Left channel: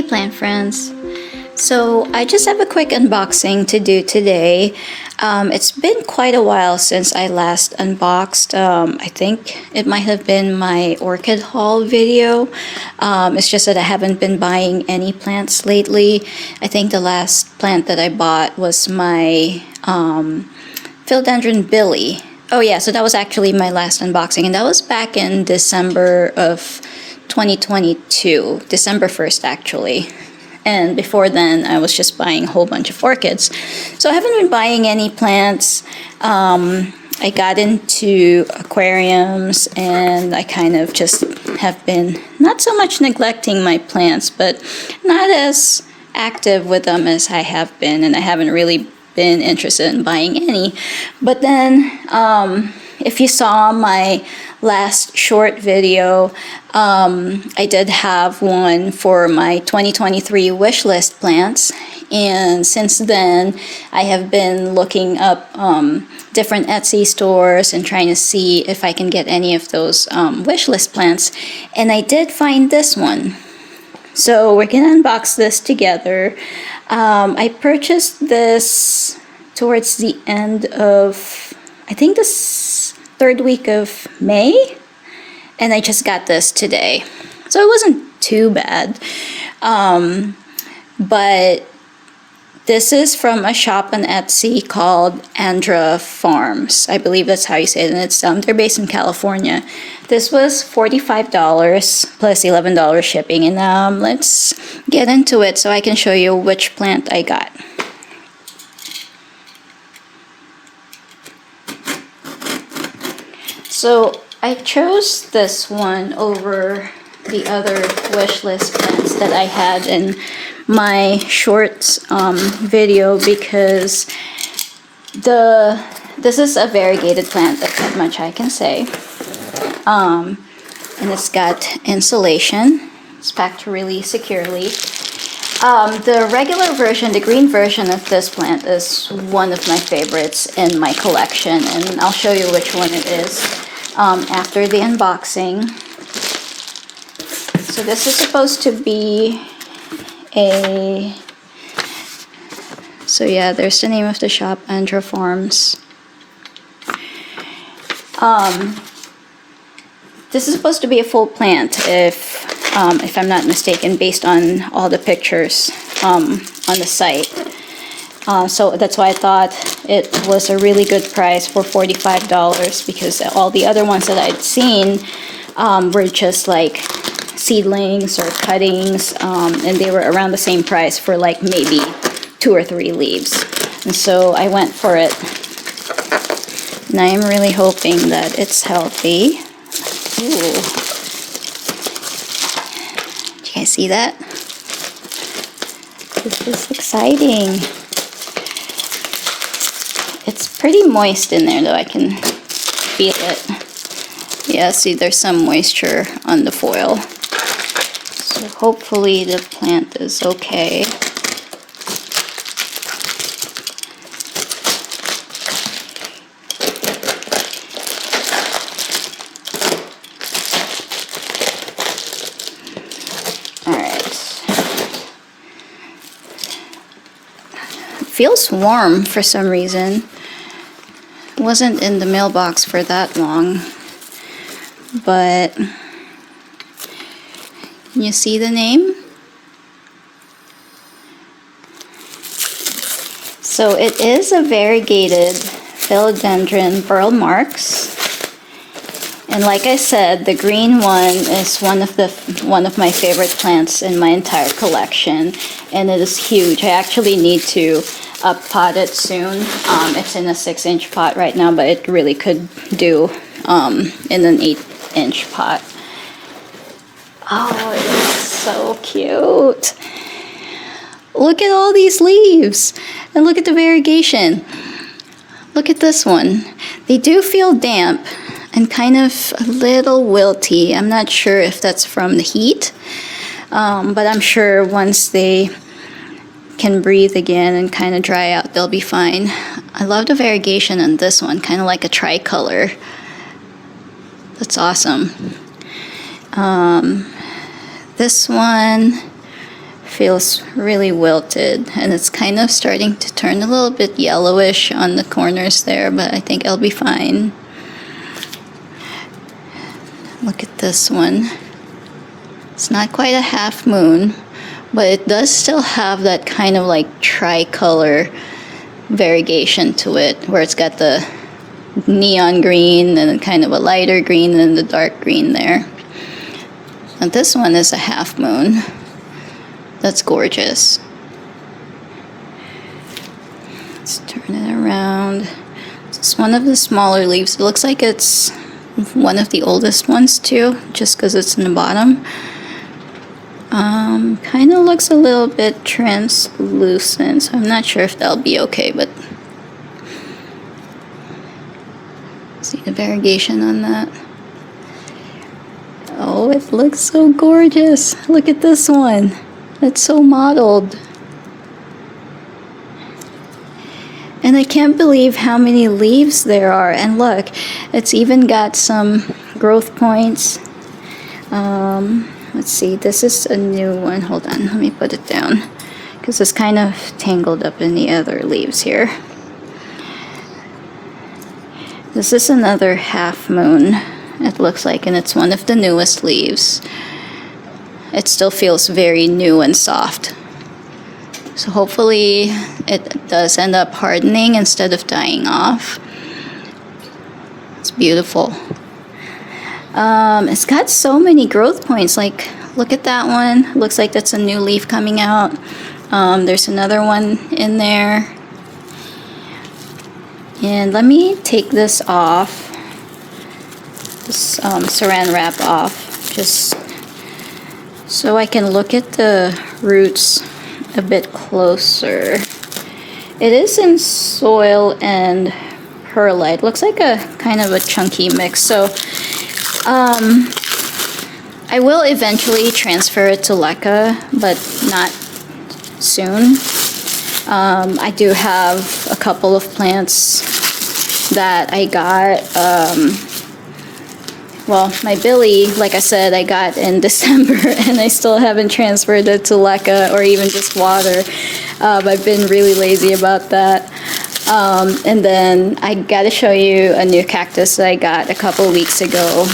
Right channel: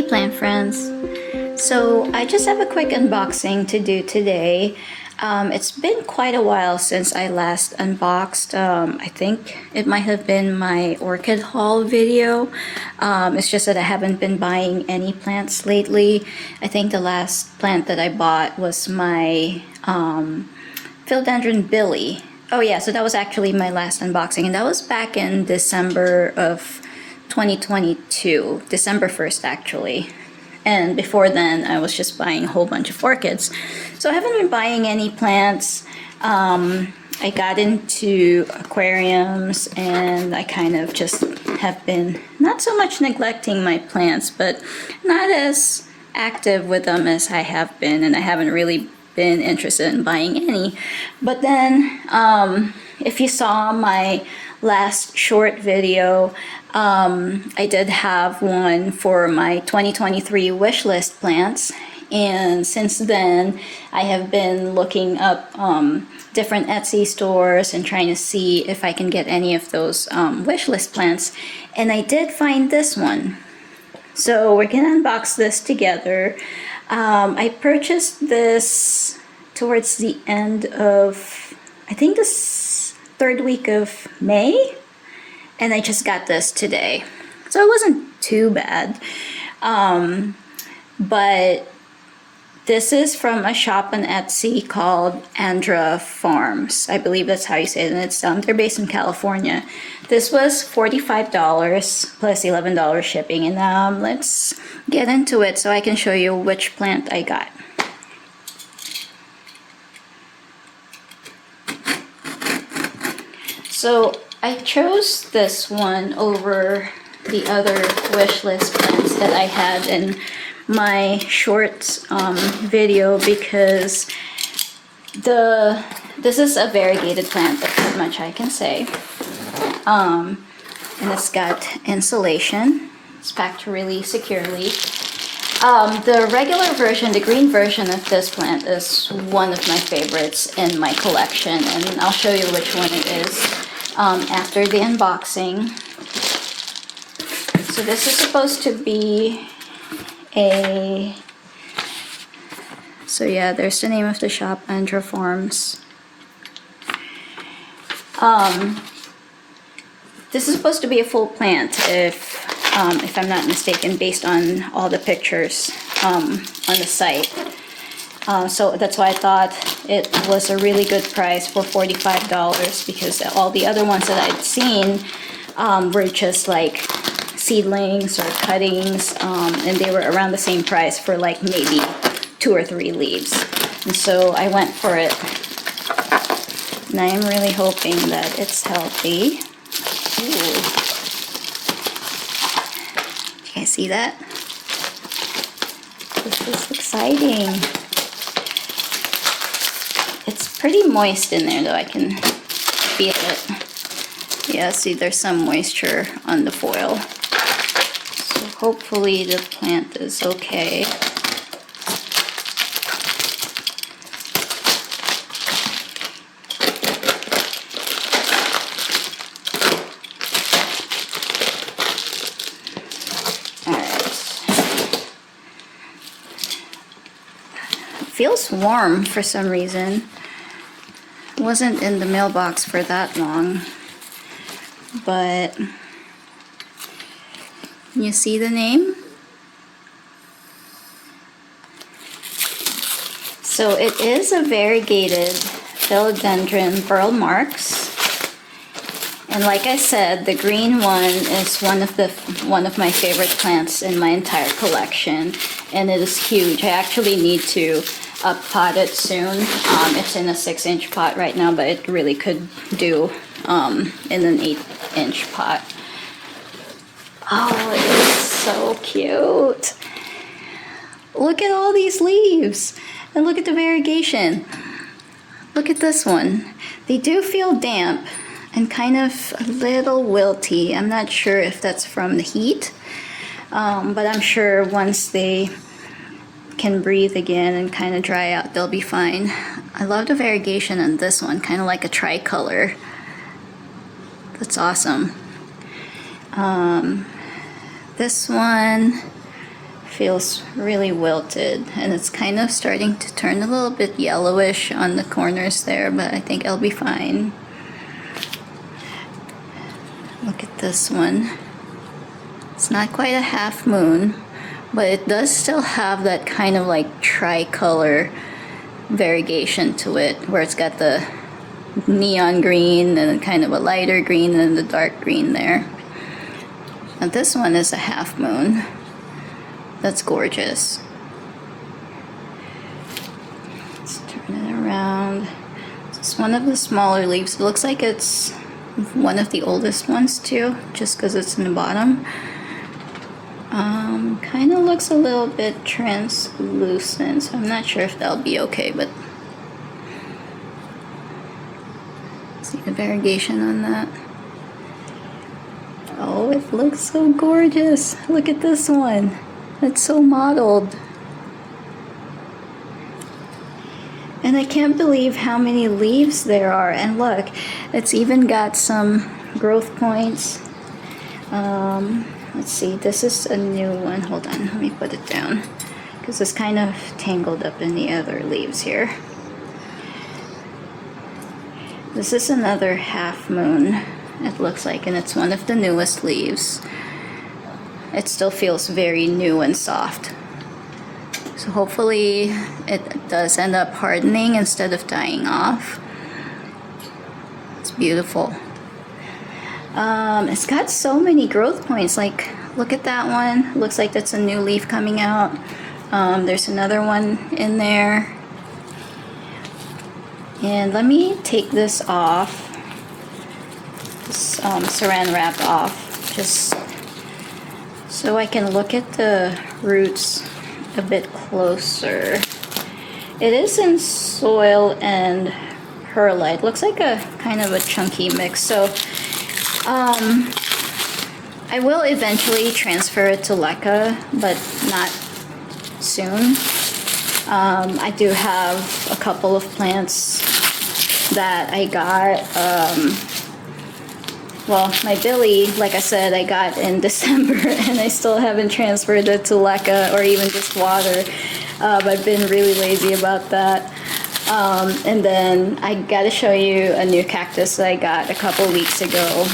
Hey plant friends! So I just have a quick unboxing to do today. It's been quite a while since I last unboxed. I think it might have been my orchid haul video. It's just that I haven't been buying any plants lately. I think the last plant that I bought was my philodendron Billy. Oh yeah, so that was actually my last unboxing, and that was back in December of 2022, December 1st actually. And before then, I was just buying a whole bunch of orchids. So I haven't been buying any plants. I got into aquariums, and I kind of just have been not so much neglecting my plants, but not as active with them as I have been, and I haven't really been interested in buying any. But then, if you saw my last short video, I did have one for my 2023 wishlist plants, and since then I have been looking up different Etsy stores and trying to see if I can get any of those wishlist plants, and I did find this one. So we're gonna unbox this together. I purchased this towards the end of, I think, this third week of May, and I just got this today. So it wasn't too bad. But this is from a shop on Etsy called Andra Farms. I believe that's how you say it, and it's they're based in California. This was $45 plus $11 shipping, and let's get into it so I can show you which plant I got. So I chose this one over the other wishlist plants that I had in my shorts video because this is a variegated plant, that's pretty much I can say. And it's got insulation. It's packed really securely. The regular version, the green version of this plant, is one of my favorites in my collection, and I'll show you which one it is after the unboxing. So this is supposed to be so yeah, there's the name of the shop, Andra Farms. This is supposed to be a full plant, if I'm not mistaken, based on all the pictures on the site. So that's why I thought it was a really good price for $45, because all the other ones that I'd seen were just like seedlings or cuttings, and they were around the same price for like maybe 2 or 3 leaves. And so I went for it. And I am really hoping that it's healthy. Ooh. Do you guys see that? This is exciting. It's pretty moist in there though, I can feel it. Yeah, see, there's some moisture on the foil. So hopefully the plant is okay. Feels warm for some reason. Wasn't in the mailbox for that long, but you see the name? So it is a variegated philodendron burl marks, and like I said, the green one is one of my favorite plants in my entire collection, and it is huge. I actually need to pot it soon. It's in a 6-inch pot right now, but it really could do in an 8-inch pot. Oh, it is so cute. Look at all these leaves, and look at the variegation. Look at this one. They do feel damp and kind of a little wilty. I'm not sure if that's from the heat, but I'm sure once they can breathe again and kind of dry out, they'll be fine. I love the variegation on this one, kind of like a tricolor. That's awesome. This one feels really wilted, and it's kind of starting to turn a little bit yellowish on the corners there, but I think I'll be fine. Look at this one. It's not quite a half moon, but it does still have that kind of like tricolor variegation to it, where it's got the neon green and kind of a lighter green and the dark green there. And this one is a half moon. That's gorgeous. Let's turn it around. It's one of the smaller leaves. It looks like it's one of the oldest ones too, just because it's in the bottom. Kind of looks a little bit translucent, so I'm not sure if that'll be okay, but see the variegation on that. Oh, it looks so gorgeous. Look at this one. It's so mottled. And I can't believe how many leaves there are. And look, it's even got some growth points. Let's see, this is a new one. Hold on, let me put it down, because it's kind of tangled up in the other leaves here. This is another half moon, it looks like, and it's one of the newest leaves. It still feels very new and soft. So hopefully it does end up hardening instead of dying off. It's beautiful. It's got so many growth points. Like, look at that one. Looks like that's a new leaf coming out. There's another one in there. And let me take this off, this saran wrap off, just so I can look at the roots a bit closer. It is in soil and perlite. Looks like a kind of a chunky mix. So I will eventually transfer it to leca, but not soon. I do have a couple of plants that I got. Well, my Billy, like I said, I got in December, and I still haven't transferred it to leca or even just water. I've been really lazy about that. And then I got to show you a new cactus that I got a couple of weeks ago,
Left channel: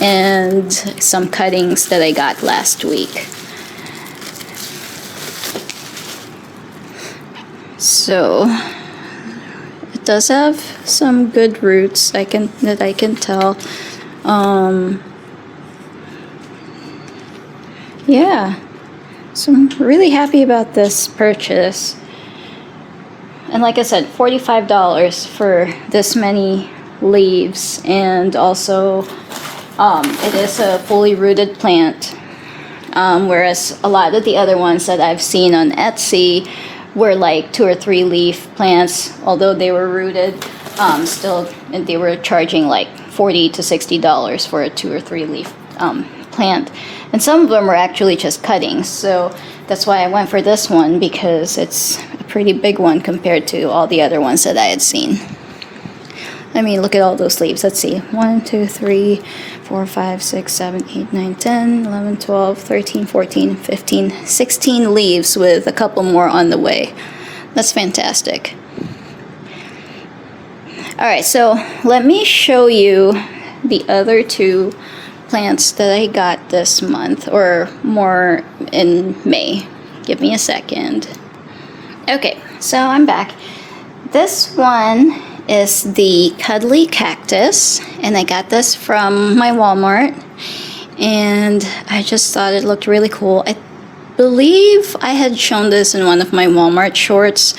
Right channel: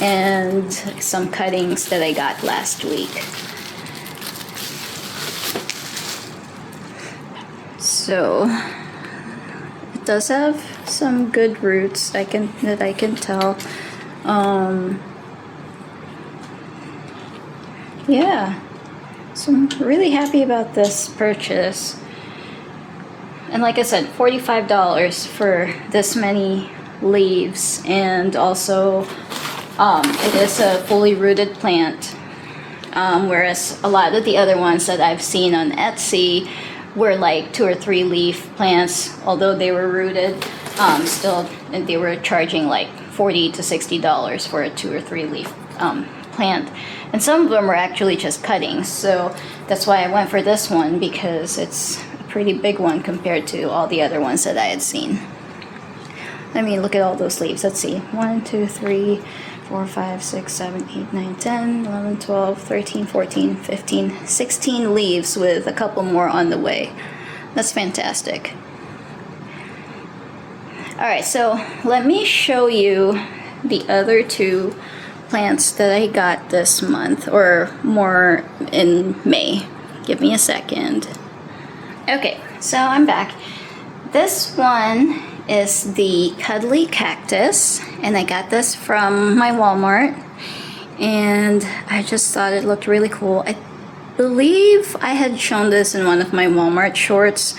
and some cuttings that I got last week. So it does have some good roots that I can tell. Yeah, so I'm really happy about this purchase. And like I said, $45 for this many leaves, and also it is a fully rooted plant, whereas a lot of the other ones that I've seen on Etsy were like 2 or 3 leaf plants. Although they were rooted, still they were charging like $40 to $60 for a 2 or 3 leaf plant, and some of them were actually just cuttings. So that's why I went for this one, because it's a pretty big one compared to all the other ones that I had seen. I mean, look at all those leaves. Let's see, 1, 2, 3, 4, 5, 6, 7, 8, 9, 10, 11, 12, 13, 14, 15, 16 leaves with a couple more on the way. That's fantastic. All right, so let me show you the other 2 plants that I got this month, or more in May. Give me a second. Okay, so I'm back. This one is the cuddly cactus, and I got this from my Walmart, and I just thought it looked really cool. I believe I had shown this in one of my Walmart shorts,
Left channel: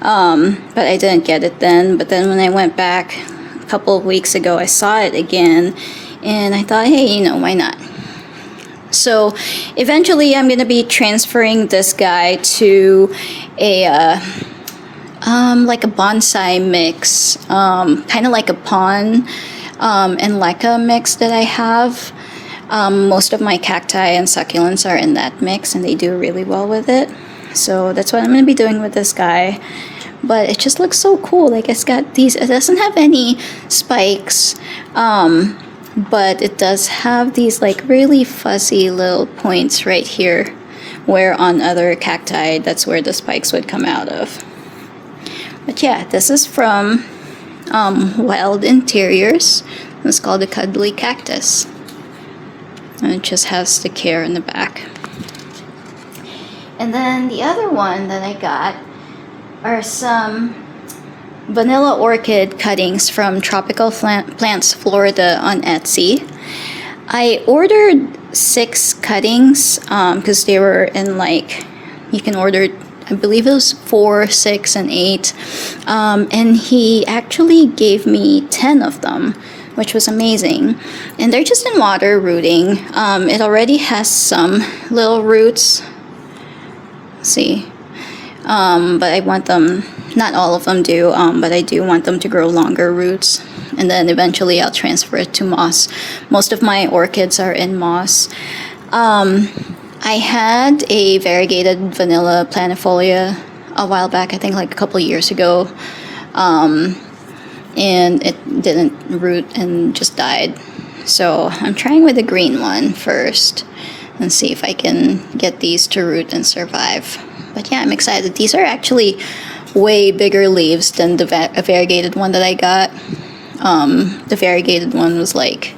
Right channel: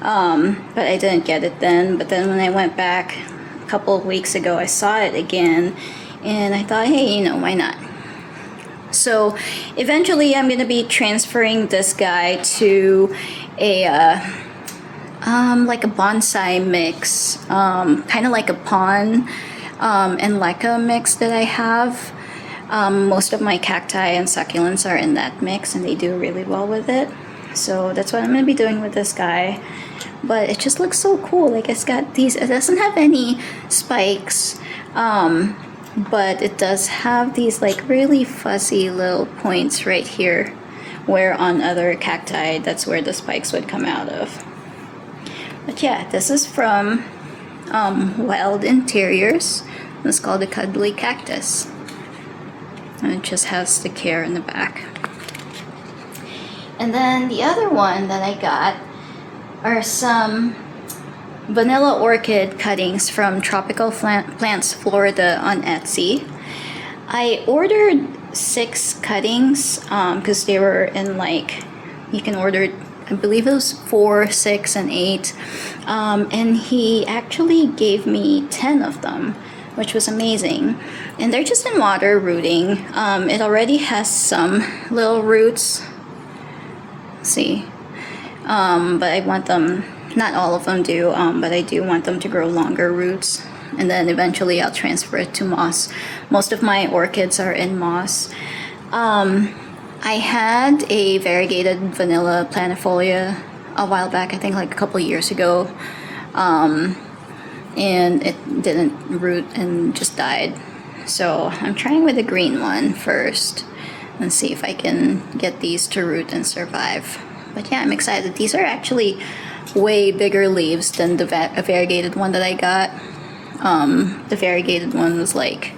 but I didn't get it then. But then when I went back a couple of weeks ago, I saw it again, and I thought, hey, you know, why not? So eventually I'm going to be transferring this guy to a like a bonsai mix, kind of like a pon and leca mix that I have. Most of my cacti and succulents are in that mix, and they do really well with it. So that's what I'm going to be doing with this guy. But it just looks so cool. Like, it's got these, it doesn't have any spikes, but it does have these like really fuzzy little points right here, where on other cacti, that's where the spikes would come out of. But yeah, this is from Wild Interiors. It's called the Cuddly Cactus. And it just has the care in the back. And then the other one that I got are some vanilla orchid cuttings from Tropical Plants Florida on Etsy. I ordered 6 cuttings because they were in, like, you can order, I believe it was 4, 6, and 8. And he actually gave me 10 of them, which was amazing. And they're just in water rooting. It already has some little roots. See, but I want them, not all of them do, but I do want them to grow longer roots, and then eventually I'll transfer it to moss. Most of my orchids are in moss. I had a variegated vanilla planifolia a while back, I think like a couple of years ago, and it didn't root and just died. So I'm trying with the green one first and see if I can get these to root and survive. But yeah, I'm excited. These are actually way bigger leaves than the variegated one that I got. The variegated one was like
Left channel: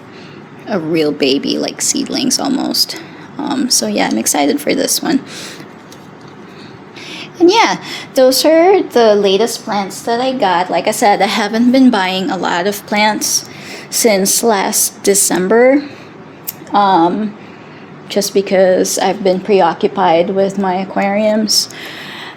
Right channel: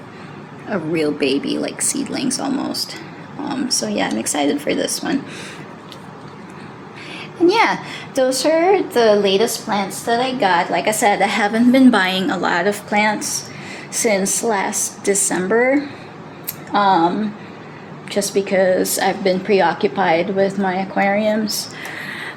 a real baby, like seedlings almost. So yeah, I'm excited for this one. And yeah, those are the latest plants that I got. Like I said, I haven't been buying a lot of plants since last December. Just because I've been preoccupied with my aquariums.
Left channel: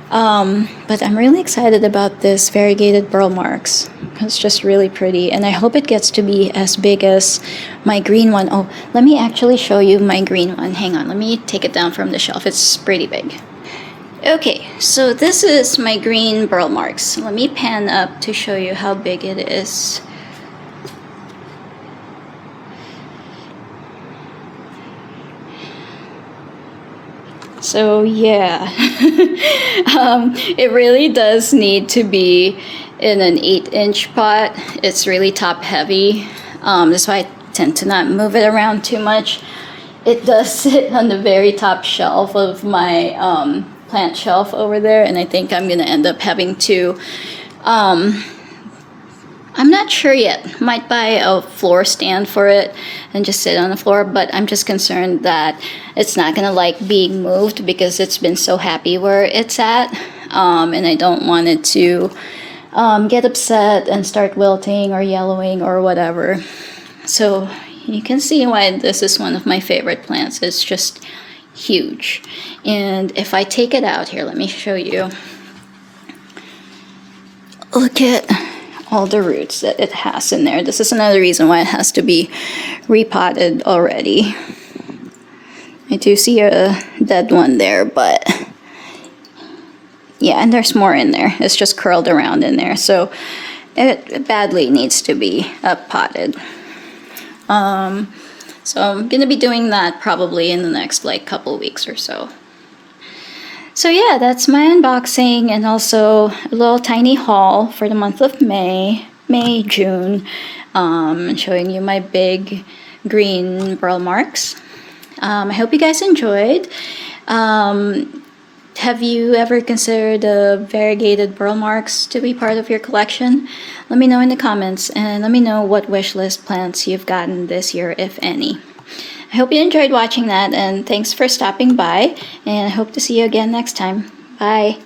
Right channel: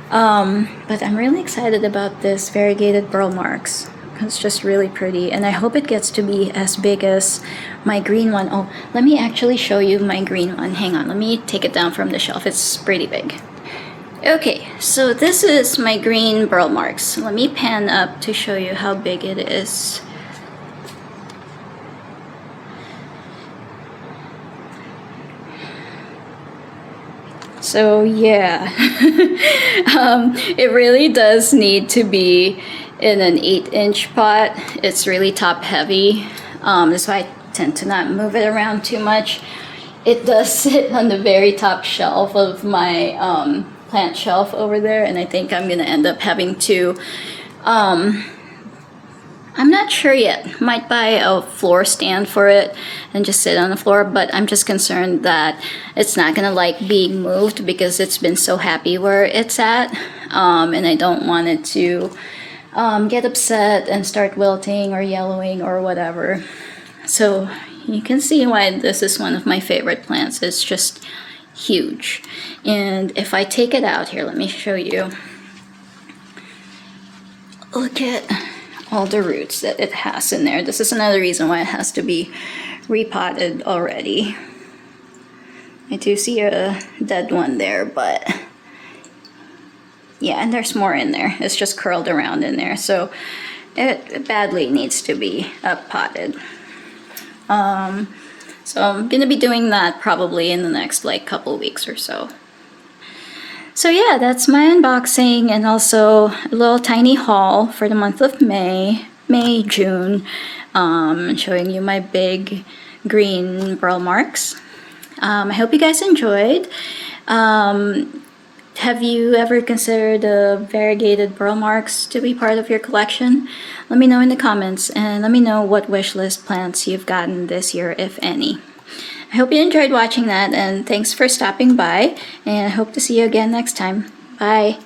But I'm really excited about this variegated burl marks. It's just really pretty, and I hope it gets to be as big as my green one. Oh, let me actually show you my green one. Hang on, let me take it down from the shelf. It's pretty big. Okay, so this is my green burl marks. Let me pan up to show you how big it is. So yeah, it really does need to be in an 8-inch pot. It's really top heavy. That's why I tend to not move it around too much. It does sit on the very top shelf of my plant shelf over there, and I think I'm gonna end up having to, I'm not sure yet, might buy a floor stand for it and just sit on the floor, but I'm just concerned that it's not gonna like being moved because it's been so happy where it's at, and I don't want it to get upset and start wilting or yellowing or whatever. So you can see why this is one of my favorite plants. It's just huge. And if I take it out here, let me show you. Look at all the roots that it has in there. This is another reason why it has to be repotted already. I do see a dead one there, but yeah, and there's more in there. It's just curled around in there, so it badly needs to be potted. So I'm gonna be doing that probably in the next like couple weeks or so. So yeah, that's my unboxing, and also a little tiny haul for the month of May, June, showing you my big green burl marks. I hope you guys enjoyed. Have you ever considered variegated burl marks to be part of your collection? Let me know in the comments, and let me know what wish list plants you've gotten this year, if any. I hope you enjoyed watching that, and thanks for stopping by, and I hope to see you again next time. Bye!